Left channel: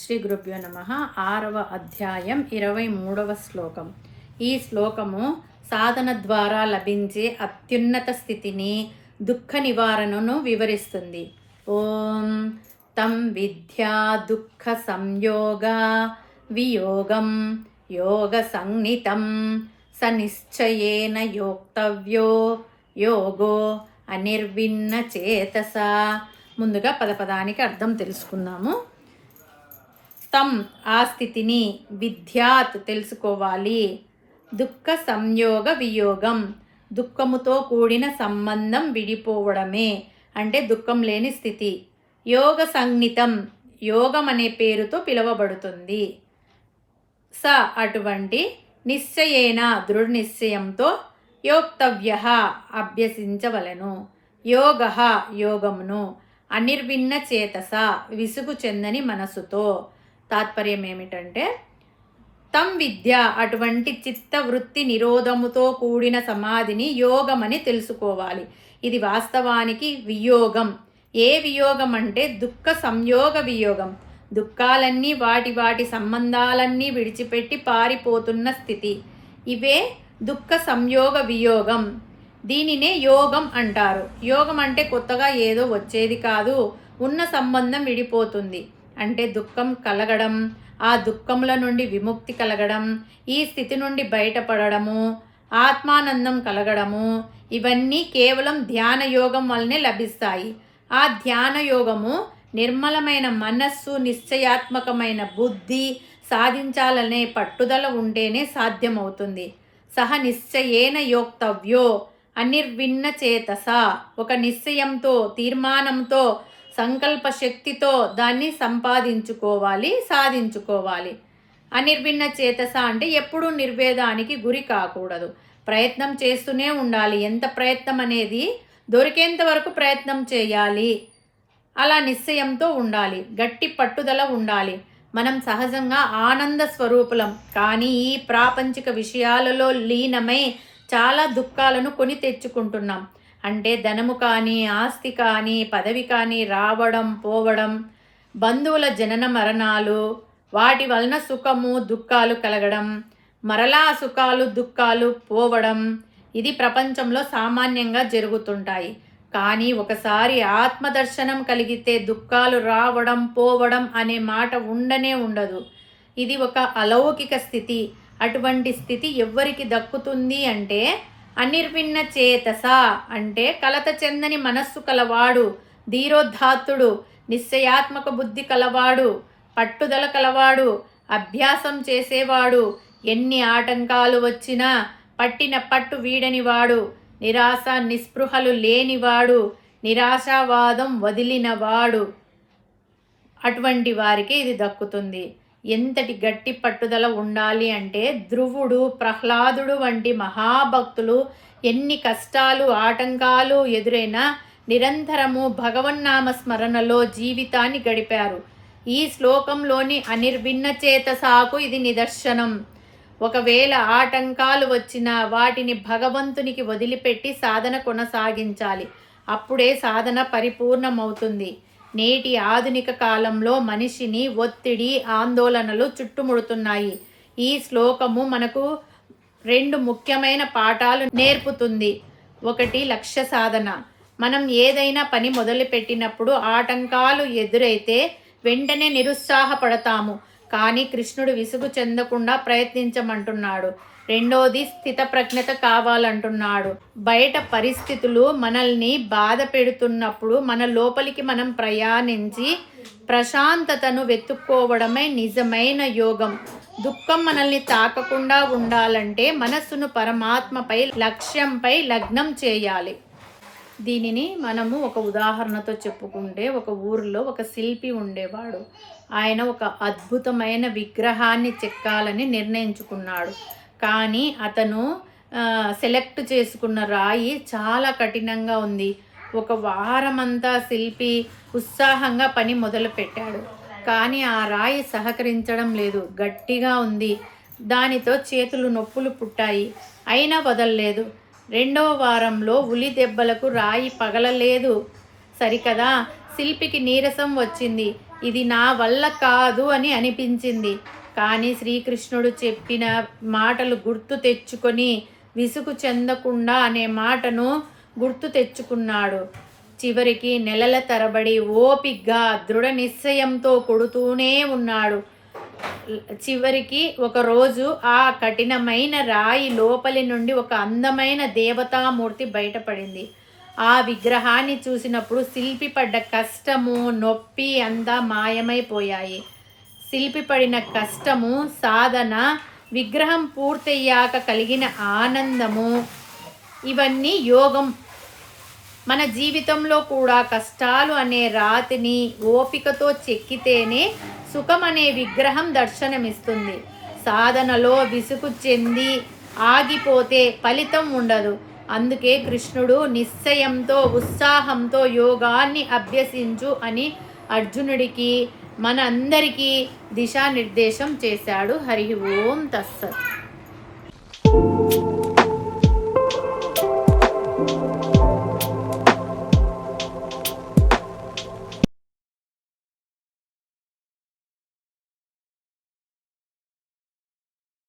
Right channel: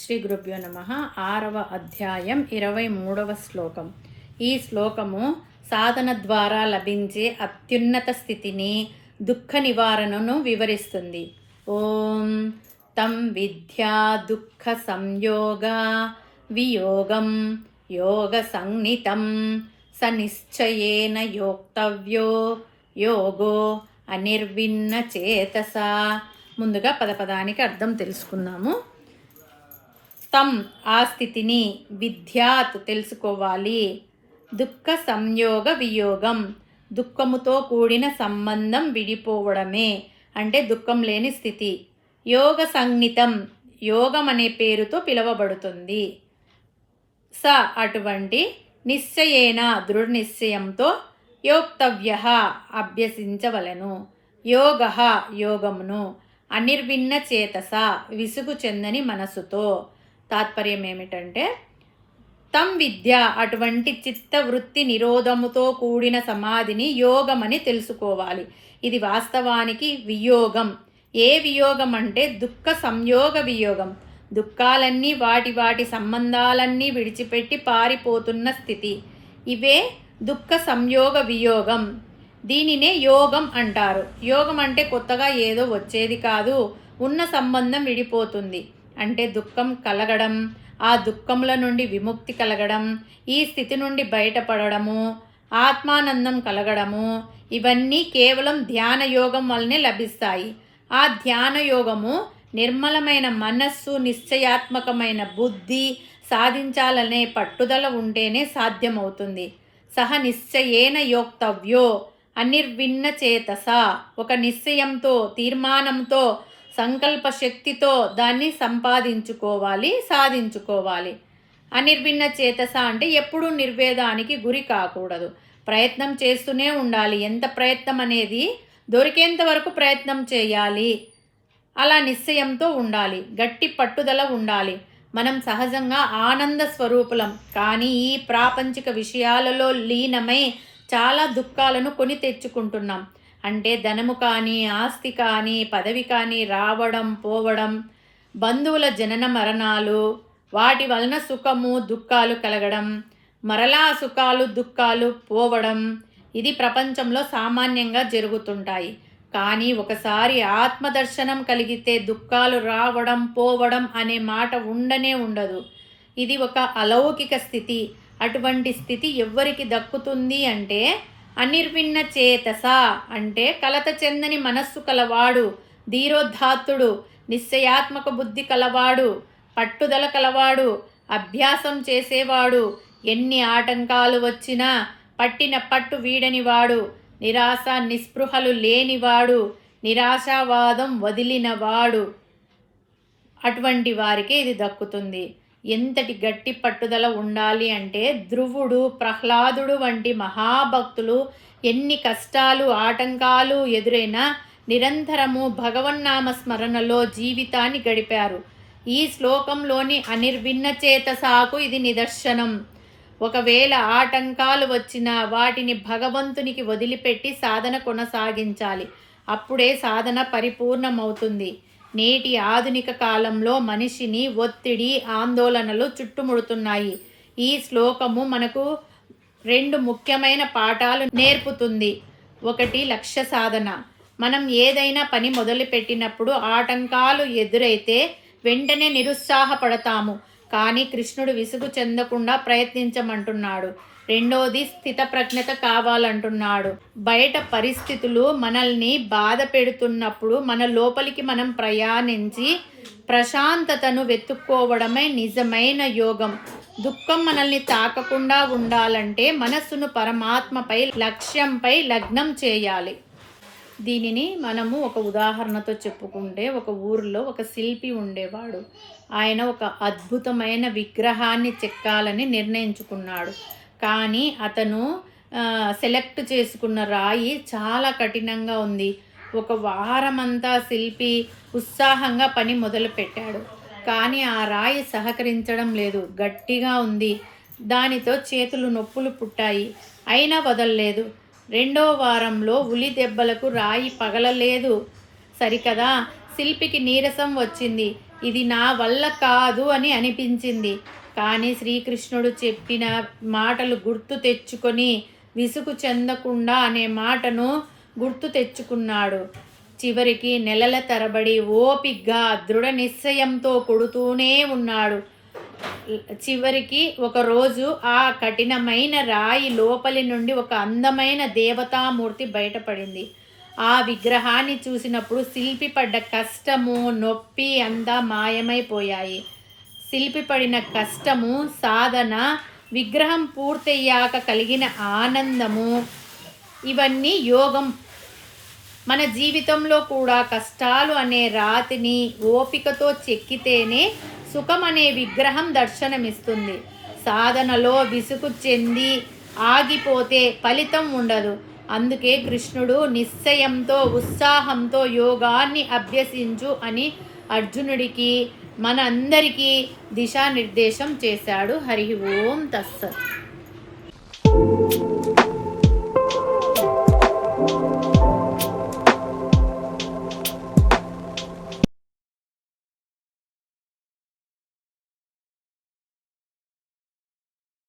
శ్రీ గురుభ్యో నమః. 6వ అధ్యాయం 23వ శ్లోకం. ఈ శ్లోకము సాధన ద్వారా లభించే అత్యున్నత స్థితిని, దుఃఖ నివారణను వివరిస్తుంది. ఓం తం విద్యా దుఃఖ సంయోగ వియోగం యోగ సంజ్ఞితం స నిశ్చయేన యోక్తవ్యో యోగో అనిర్విన్న చేతస. ముందుగా పదపదానికి అర్థం తెలుసుకుందాము. తం ఆ స్థితిని, విద్యాత్ తెలుసుకోవాలి, దుఃఖ సంయోగ వియోగం దుఃఖముతో కూడిన సంబంధం విడిపోవడమే అంటే దుఃఖం లేని స్థితి. యోగ సంజ్ఞితం యోగం అనే పేరుతో పిలువబడుతుంది. స అటువంటి నిశ్చయేన దృఢ నిశ్చయంతో యోక్తవ్య అభ్యసించవలను, యోగ యోగమును, అనిర్విన్న చేతస విసుగు చెందని మనసుతో. తాత్పర్యం ఏమిటంటే, తం విద్య అటువంటి చిత్తవృత్తి నిరోధముతో కూడిన సమాధిని యోగమని తెలుసుకోవాలి. ఇది వాస్తవానికి వియోగం. ఏ వియోగం అంటే దుఃఖ సంయోగ వియోగం. దుఃఖాలన్నీ వాటి వాటి సంబంధాలన్నీ విడిచిపెట్టి పారిపోతున్న స్థితి. ఇవే దుఃఖ సంయోగ వియోగం. దీనినే యోగం అంటారు. యోగం అంటే కొత్తగా ఏదో వచ్చేది కాదు, ఉన్న సంబంధం విడిపోతుంది. అంటే దుఃఖం కలగడం, ఆ దుఃఖముల నుండి విముక్తి కలగడం, ఈ స్థితి నుండి బయటపడము, ఆత్మానందం కలగడము, ఇవన్నీ కేవలం ధ్యాన యోగం వల్లనే లభిస్తాయి. ఆ ధ్యాన యోగము నిర్మలమైన మనస్సు, నిశ్చయాత్మకమైన బుద్ధి, సాధించాలనే పట్టుదల ఉంటేనే సాధ్యమవుతుంది. సహ నిశ్చయేన యోక్తవ్యో అనిర్విన్న చేతస ఒక నిశ్చయంతో, తీర్మానంతో, సంకల్ప శక్తితో దాన్ని సంపాదించుకోవాలి, సాధించుకోవాలి. అనిర్విన్న చేతస అంటే ఎప్పుడూ నిర్వేదానికి గురి కాకూడదు, ప్రయత్నం చేస్తూనే ఉండాలి. ఎంత ప్రయత్నం అనేది దొరికేంత వరకు ప్రయత్నం చేయాలి. అలా నిశ్చయంతో ఉండాలి, గట్టి పట్టుదల ఉండాలి. మనం సహజంగా ఆనంద స్వరూపులం, కానీ ఈ ప్రాపంచిక విషయాలలో లీనమై చాలా దుఃఖాలను కొని తెచ్చుకుంటున్నాం. అంటే ధనము కానీ, ఆస్తి కానీ, పదవి కానీ రావడం పోవడం, బంధువుల జనన మరణాలు, వాటి వలన సుఖము దుఃఖాలు కలగడం, మరలా సుఖాలు దుఃఖాలు పోవడం, ఇది ప్రపంచంలో సామాన్యంగా జరుగుతుంటాయి. కానీ ఒకసారి ఆత్మదర్శనం కలిగితే దుఃఖాలు రావడం పోవడం అనే మాట ఉండనే ఉండదు. ఇది ఒక అలౌకిక స్థితి. అటువంటి స్థితి ఎవ్వరికి దక్కుతుంది అంటే అనిర్విన్న చేతస అంటే కలత చెందని మనస్సు కలవాడు, ధీరోద్ధాత్తుడు, నిశ్చయాత్మక బుద్ధి కలవాడు, పట్టుదల కలవాడు, అభ్యాసం చేసేవాడు, ఎన్ని ఆటంకాలు వచ్చినా పట్టిన పట్టు వీడనివాడు, నిరాశ నిస్పృహలు లేనివాడు, నిరాశావాదం వదిలినవాడు. అటువంటి వారికి ఇది దక్కుతుంది. ఎంతటి గట్టి పట్టుదల ఉండాలి అంటే ధ్రువుడు, ప్రహ్లాదుడు వంటి మహాభక్తులు ఎన్ని కష్టాలు ఆటంకాలు ఎదురైనా నిరంతరము భగవన్నామ స్మరణలో జీవితాన్ని గడిపారు. ఈ శ్లోకంలోని అనిర్విన్న చేతసాకు ఇది నిదర్శనం. ఒకవేళ ఆటంకాలు వచ్చినా వాటిని భగవంతునికి వదిలిపెట్టి సాధన కొనసాగించాలి. అప్పుడే సాధన పరిపూర్ణమవుతుంది. నేటి ఆధునిక కాలంలో మనిషిని ఒత్తిడి, ఆందోళనలు చుట్టుముడుతున్నాయి. ఈ శ్లోకము మనకు 2 ముఖ్యమైన పాఠాలు నేర్పుతుంది. ఒకటి, లక్ష్య సాధన. మనం ఏదైనా పని మొదలుపెట్టినప్పుడు ఆటంకాలు ఎదురైతే వెంటనే నిరుత్సాహపడతాము. కానీ కృష్ణుడు విసుగు చెందకుండా ప్రయత్నించమంటున్నాడు. రెండోది, స్థితప్రజ్ఞత కావాలంటున్నాడు. బయట పరిస్థితులు మనల్ని బాధ పెడుతున్నప్పుడు మన లోపలికి మనం ప్రయాణించి ప్రశాంతతను వెతుక్కోవడమే నిజమైన యోగం. దుఃఖం మనల్ని తాకకుండా ఉండాలంటే మనస్సును పరమాత్మపై, లక్ష్యంపై లగ్నం చేయాలి. దీనిని మనము ఒక ఉదాహరణతో చెప్పుకుంటే, ఒక ఊరిలో ఒక శిల్పి ఉండేవాడు. ఆయన ఒక అద్భుతమైన విగ్రహాన్ని చెక్కాలని నిర్ణయించుకున్నాడు. కానీ అతను సెలెక్ట్ చేసుకున్న రాయి చాలా కఠినంగా ఉంది. ఒక వారమంతా శిల్పి ఉత్సాహంగా పని మొదలుపెట్టాడు. కానీ ఆ రాయి సహకరించడం లేదు, గట్టిగా ఉంది. దానితో చేతులు నొప్పులు పుట్టాయి. అయినా వదలలేదు. 2వ వారంలో ఉలి దెబ్బలకు రాయి పగలలేదు. సరికదా, శిల్పికి నీరసం వచ్చింది. ఇది నా వల్ల కాదు అని అనిపించింది. కానీ శ్రీకృష్ణుడు చెప్పిన మాటలు గుర్తు తెచ్చుకొని విసుగు చెందకుండా అనే మాటను గుర్తు తెచ్చుకున్నాడు. చివరికి నెలల తరబడి ఓపిగ్గా దృఢ నిశ్చయంతో కొడుతూనే ఉన్నాడు. చివరికి ఒకరోజు ఆ కఠినమైన రాయి లోపలి నుండి ఒక అందమైన దేవతామూర్తి బయటపడింది. ఆ విగ్రహాన్ని చూసినప్పుడు శిల్పి పడ్డ కష్టము, నొప్పి అంతా మాయమైపోయాయి. శిల్పి పడిన కష్టము, సాధన, విగ్రహం పూర్తయ్యాక కలిగిన ఆనందము, ఇవన్నీ యోగం. మన జీవితంలో కూడా కష్టాలు అనే రాతిని ఓపికతో చెక్కితేనే సుఖం అనే విగ్రహం దర్శనమిస్తుంది. సాధనలో విసుగు చెంది ఆగిపోతే ఫలితం ఉండదు. అందుకే కృష్ణుడు నిశ్చయంతో, ఉత్సాహంతో యోగాన్ని అభ్యసించు అని అర్జునుడికి, మన అందరికీ దిశానిర్దేశం చేశాడు. హరి ఓం తస్సత్.